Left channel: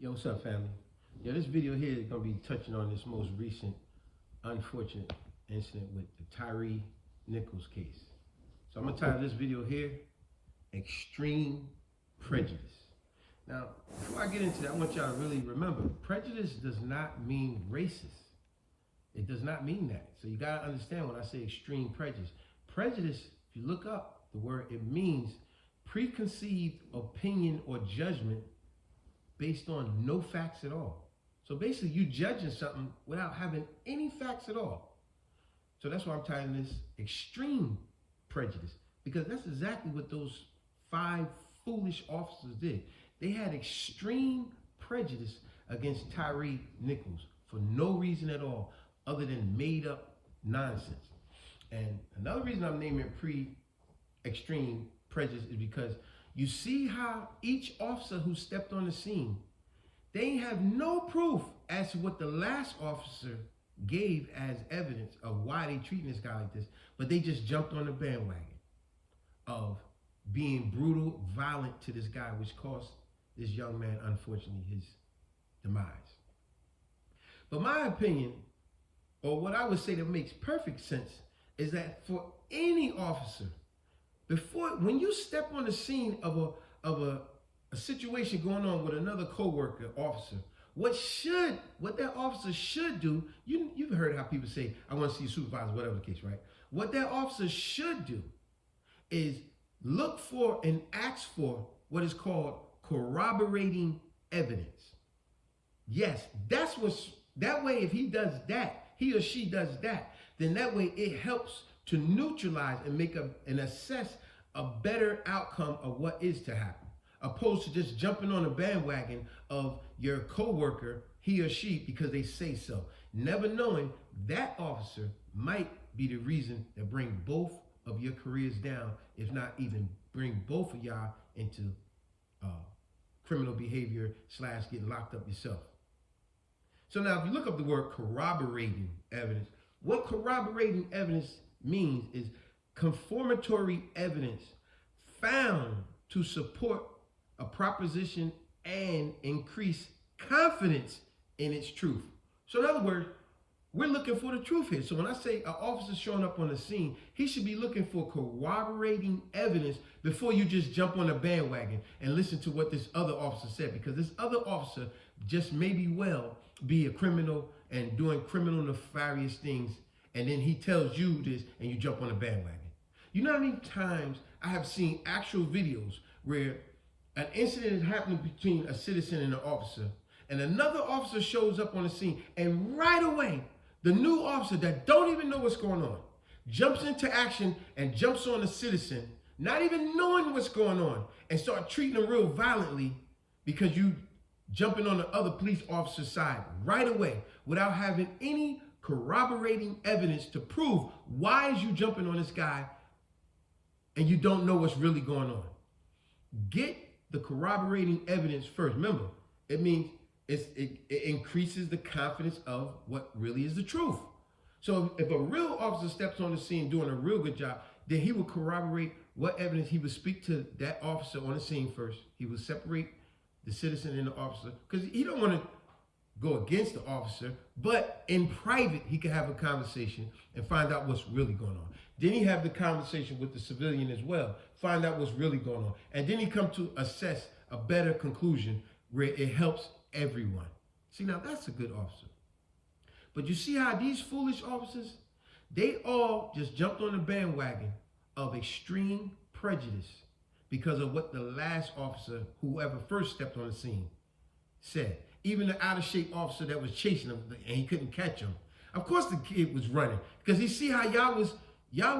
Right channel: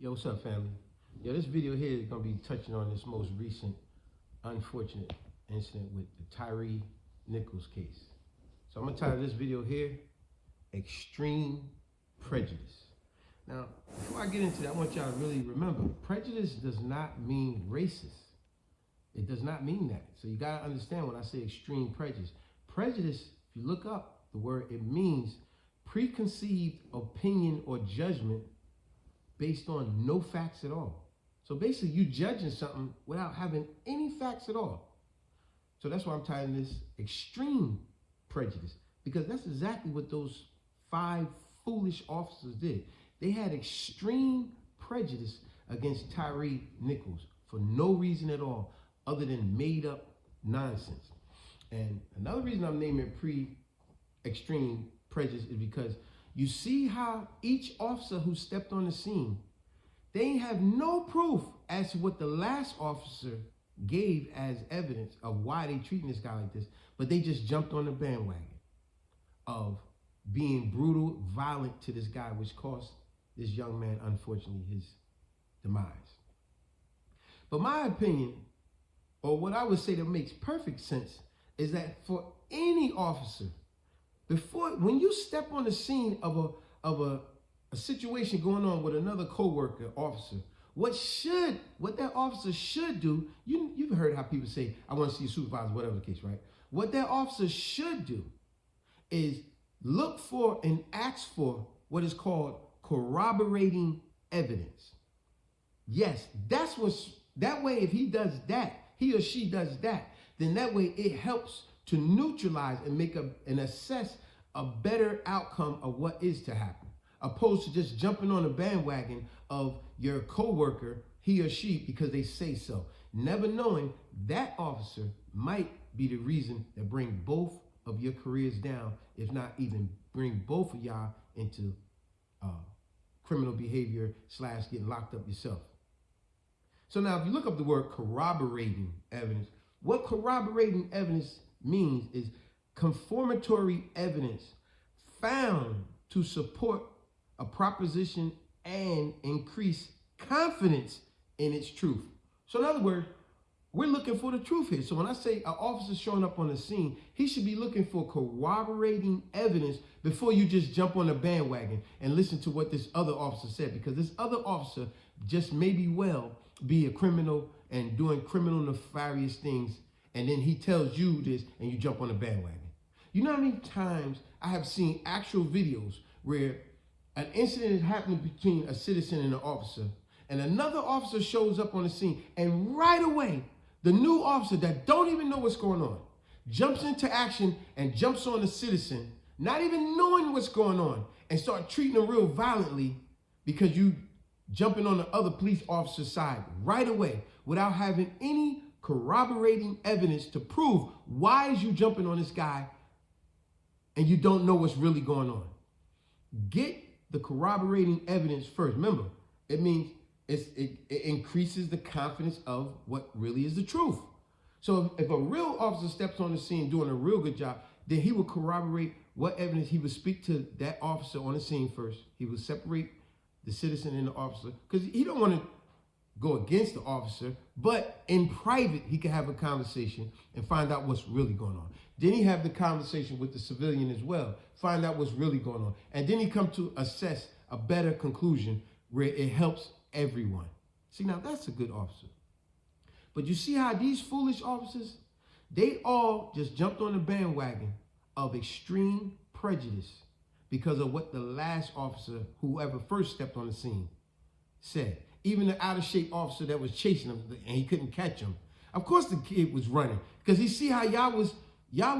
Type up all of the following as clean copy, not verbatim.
Yo, what's up, family? Yo, this video here is going to be touching on this most recent unfortunate incident with the Tyre Nichols case. So I'm going to title this video here, Extreme Prejudice. Now, before I get into that, I want y'all to really remember, prejudice does not mean racist. It does not mean that. So you got to understand when I say extreme prejudice. Prejudice, if you look up the word, it means preconceived opinion or judgment based on no facts at all. So basically, you judging something without having any facts at all. So that's why I'm titling this Extreme Prejudice, because that's exactly what those 5 foolish officers did. They had extreme prejudice against Tyre Nichols for no reason at all other than made up nonsense. And another reason I'm naming it extreme prejudice is because you see how each officer who stepped on the scene, they have no proof as to what the last officer gave as evidence of why they treating this guy like this, but they just jumped on the bandwagon of being brutal, violent to this guy, which cost this young man, unfortunately, his demise. But my opinion, or what I would say that makes perfect sense, is that for any officer, when you step on the scene of a situation going on with another coworker, officer, what that officer should do, you've heard how people say, I want to see a supervisor, whatever the case, right? What that officer should do is look for and ask for what is called corroborating evidence. Yes, that way if he does that, he or she does that, then that way it helps to neutralize and and assess a better outcome of what is to happen, opposed to just jumping on the bandwagon of your coworker, he or she, because they say so, never knowing that officer might be the reason that bring both of your careers down, if not even bring both of y'all into criminal behavior / getting locked up yourself. So now if you look up the word corroborating evidence, what corroborating evidence means is confirmatory evidence found to support a proposition and increase confidence in its truth. So in other words, we're looking for the truth here. So when I say an officer showing up on the scene, he should be looking for corroborating evidence before you just jump on the bandwagon and listen to what this other officer said, because this other officer just maybe be a criminal and doing criminal nefarious things, and then he tells you this and you jump on the bandwagon. You know how many times I have seen actual videos where an incident is happening between a citizen and an officer, and another officer shows up on the scene, and right away, the new officer that don't even know what's going on jumps into action and jumps on the citizen, not even knowing what's going on, and start treating him real violently because you jumping on the other police officer's side right away without having any corroborating evidence to prove why is you jumping on this guy and you don't know what's really going on. Get the corroborating evidence first. Remember, it means it increases the confidence of what really is the truth. So if a real officer steps on the scene doing a real good job, then he will corroborate what evidence. He would speak to that officer on the scene first. He will separate the citizen and the officer, because he don't want to go against the officer, but in private, he can have a conversation and find out what's really going on. Then he have the conversation with the civilian as well, find out what's really going on. And then he come to assess a better conclusion where it helps everyone. See, now that's a good officer. But you see how these foolish officers, they all just jumped on the bandwagon of extreme prejudice because of what the last officer, whoever first stepped on the scene, said. Even the out-of-shape officer that was chasing him and he couldn't catch him. Of course the kid was running, because he see how y'all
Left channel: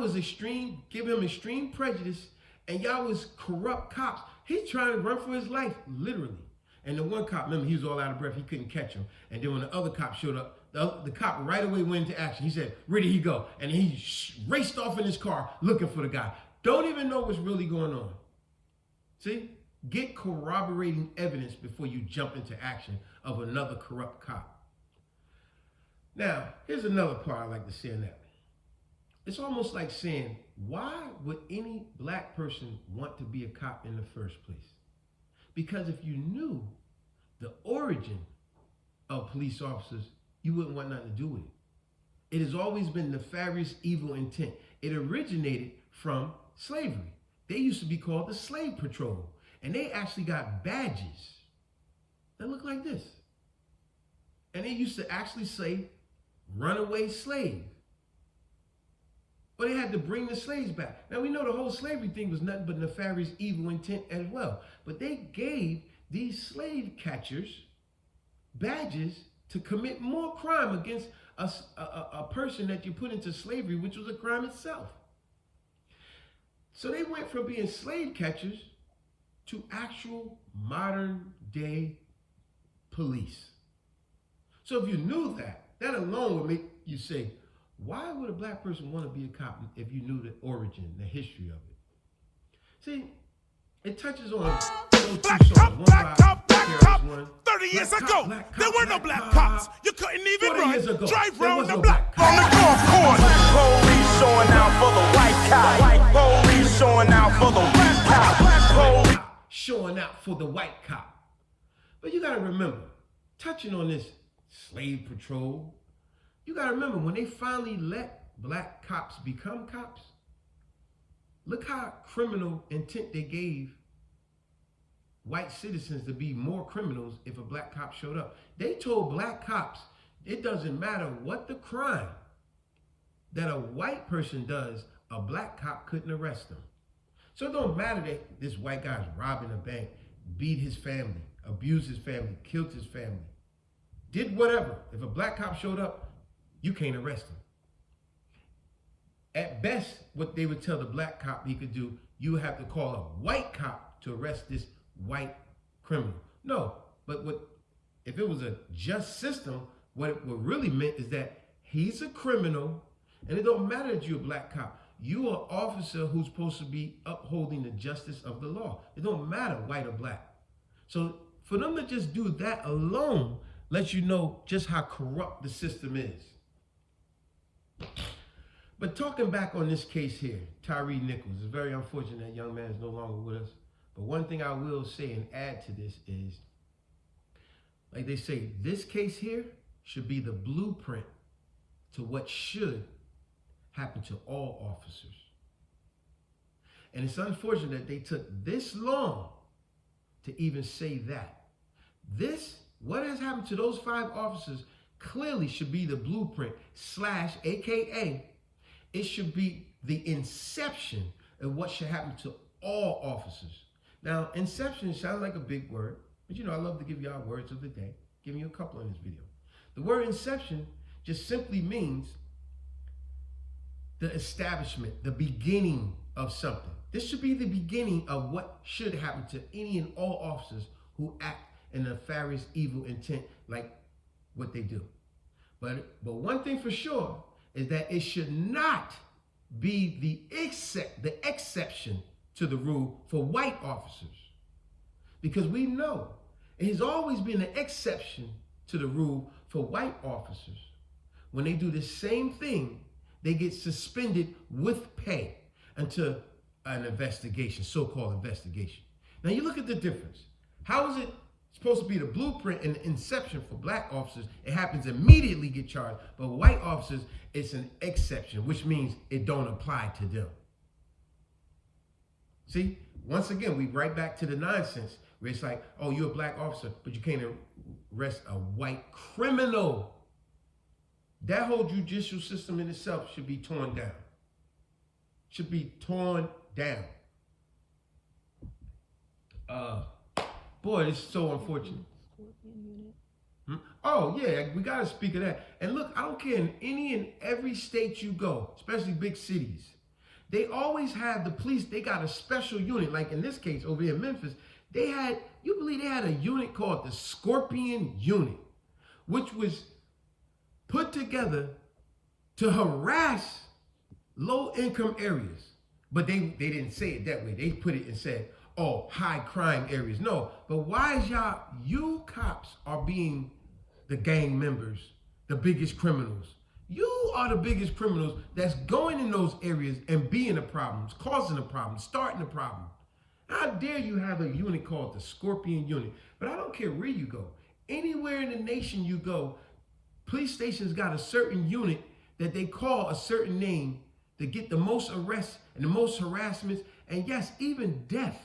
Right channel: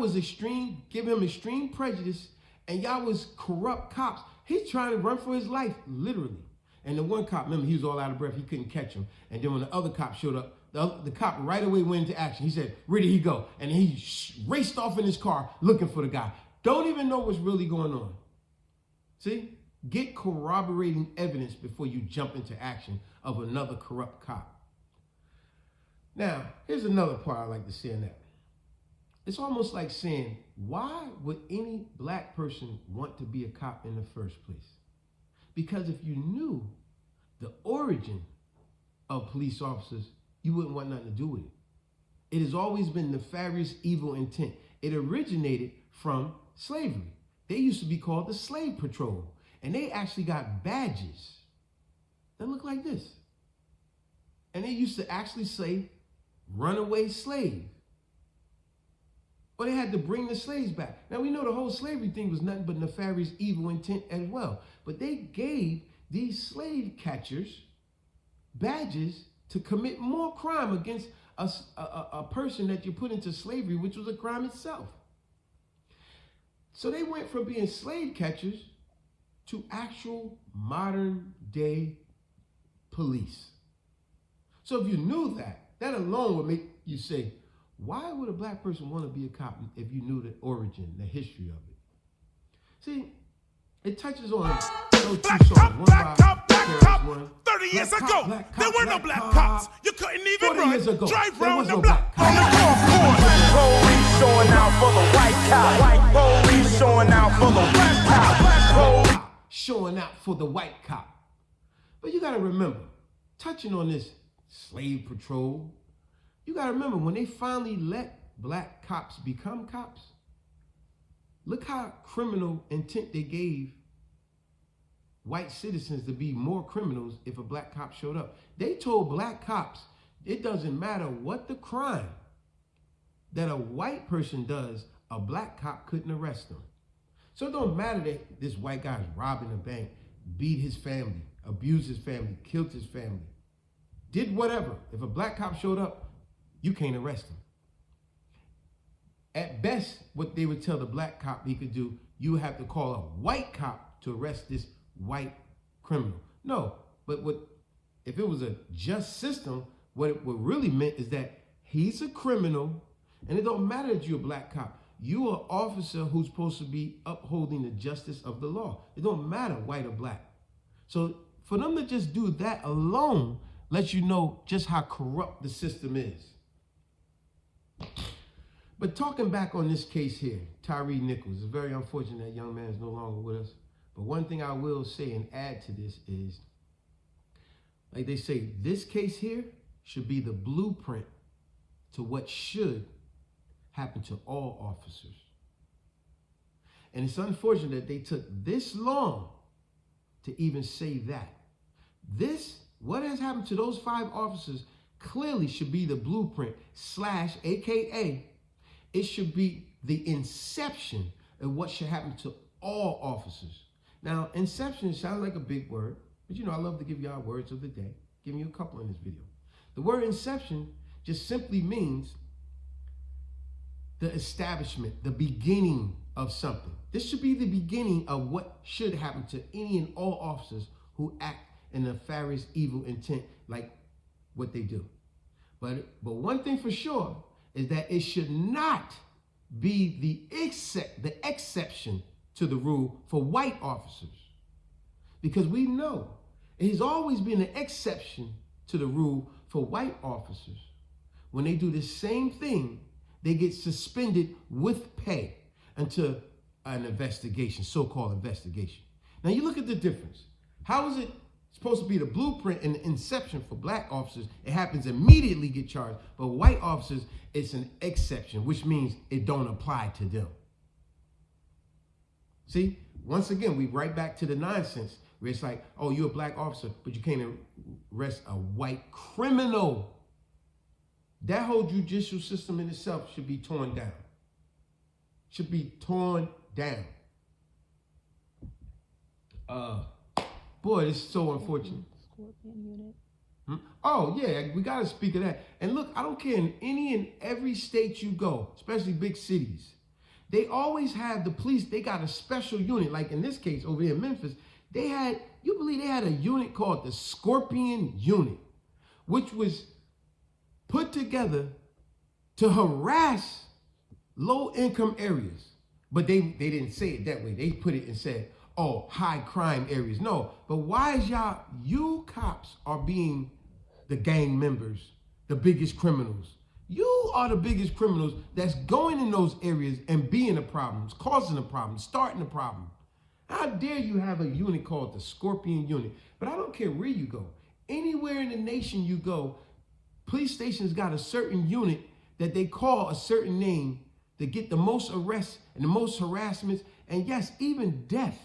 was extreme, giving him extreme prejudice, and y'all was corrupt cops. He's trying to run for his life, literally. And the one cop, remember, he was all out of breath. He couldn't catch him. And then when the other cop showed up, the cop right away went into action. He said, where did he go? And he raced off in his car looking for the guy. Don't even know what's really going on. See? Get corroborating evidence before you jump into action of another corrupt cop. Now, here's another part I like to say in that. It's almost like saying, why would any black person want to be a cop in the first place? Because if you knew the origin of police officers, you wouldn't want nothing to do with it. It has always been nefarious, evil intent. It originated from slavery. They used to be called the Slave Patrol, and they actually got badges that look like this. And they used to actually say, runaway slave. Or they had to bring the slaves back. Now we know the whole slavery thing was nothing but nefarious, evil intent as well. But they gave these slave catchers badges to commit more crime against a person that you put into slavery, which was a crime itself. So they went from being slave catchers to actual modern day police. So if you knew that, that alone would make you say, why would a black person want to be a cop if you knew the origin, the history of it? See, it touches on black cop, black cop, black cop. 30 years ago, there were no black cops. You couldn't even run, drive round the block on the golf course. Black police showing out for the white cop. White police showing out for the black cop. Black police showing out for the white cop. But you got to remember, touching on this slave patrol, you got to remember when they finally let black cops become cops, look how criminal intent they gave white citizens to be more criminals if a black cop showed up. They told black cops, it doesn't matter what the crime that a white person does, a black cop couldn't arrest them. So it don't matter that this white guy's robbing a bank, beat his family, abused his family, killed his family, did whatever. If a black cop showed up, you can't arrest him. At best, what they would tell the black cop he could do, you have to call a white cop to arrest this white criminal. No, but what if it was a just system, what it really meant is that he's a criminal, and it don't matter that you're a black cop. You're an officer who's supposed to be upholding the justice of the law. It don't matter white or black. So for them to just do that alone lets you know just how corrupt the system is. But talking back on this case here, Tyre Nichols, it's very unfortunate that young man is no longer with us. But one thing I will say and add to this is, like they say, this case here should be the blueprint to what should happen to all officers. And it's unfortunate that they took this long to even say that. What has happened to those 5 officers clearly should be the blueprint / AKA, it should be the inception of what should happen to all officers. Now, inception sounds like a big word, but you know, I love to give y'all words of the day. Giving you a couple in this video. The word inception just simply means the establishment, the beginning of something. This should be the beginning of what should happen to any and all officers who act in nefarious, evil intent like what they do. But one thing for sure is that it should not be the exception to the rule for white officers. Because we know it has always been an exception to the rule for white officers. When they do the same thing, they get suspended with pay until an investigation, so-called investigation. Now you look at the difference. How is it supposed to be the blueprint and the inception for black officers? It happens immediately, get charged. But white officers, it's an exception, which means it don't apply to them. See, once again, we right back to the nonsense where it's like, oh, you're a black officer, but you can't arrest a white criminal. That whole judicial system in itself should be torn down. Should be torn down. Boy, it's so unfortunate. Oh, yeah, we got to speak of that. And look, I don't care, in any and every state you go, especially big cities, they always have the police, they got a special unit. Like in this case over here in Memphis, they had a unit called the Scorpion Unit, which was put together to harass low-income areas. But they didn't say it that way. They put it and said, oh, high crime areas. No, but why is you cops are being the gang members, the biggest criminals. You are the biggest criminals that's going in those areas and being the problems, causing the problem, starting the problem. How dare you have a unit called the Scorpion Unit? But I don't care where you go. Anywhere in the nation you go, police stations got a certain unit that they call a certain name to get the most arrests and the most harassments, and yes, even death.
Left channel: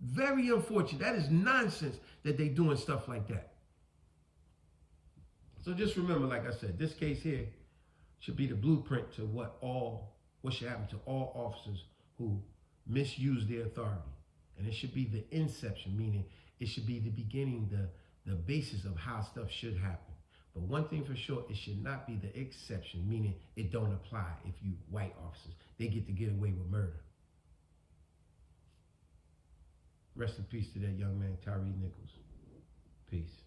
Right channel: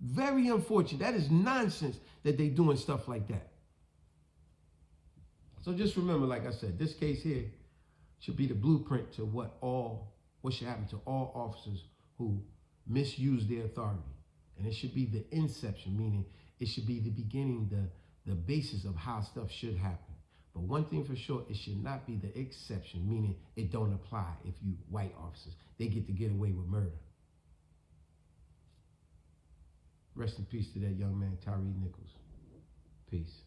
Very unfortunate. That is nonsense that they doing stuff like that. So just remember, like I said, this case here should be the blueprint to what should happen to all officers who misuse their authority. And it should be the inception, meaning it should be the beginning, the basis of how stuff should happen. But one thing for sure, it should not be the exception, meaning it don't apply if you white officers. They get to get away with murder. Rest in peace to that young man, Tyre Nichols. Peace.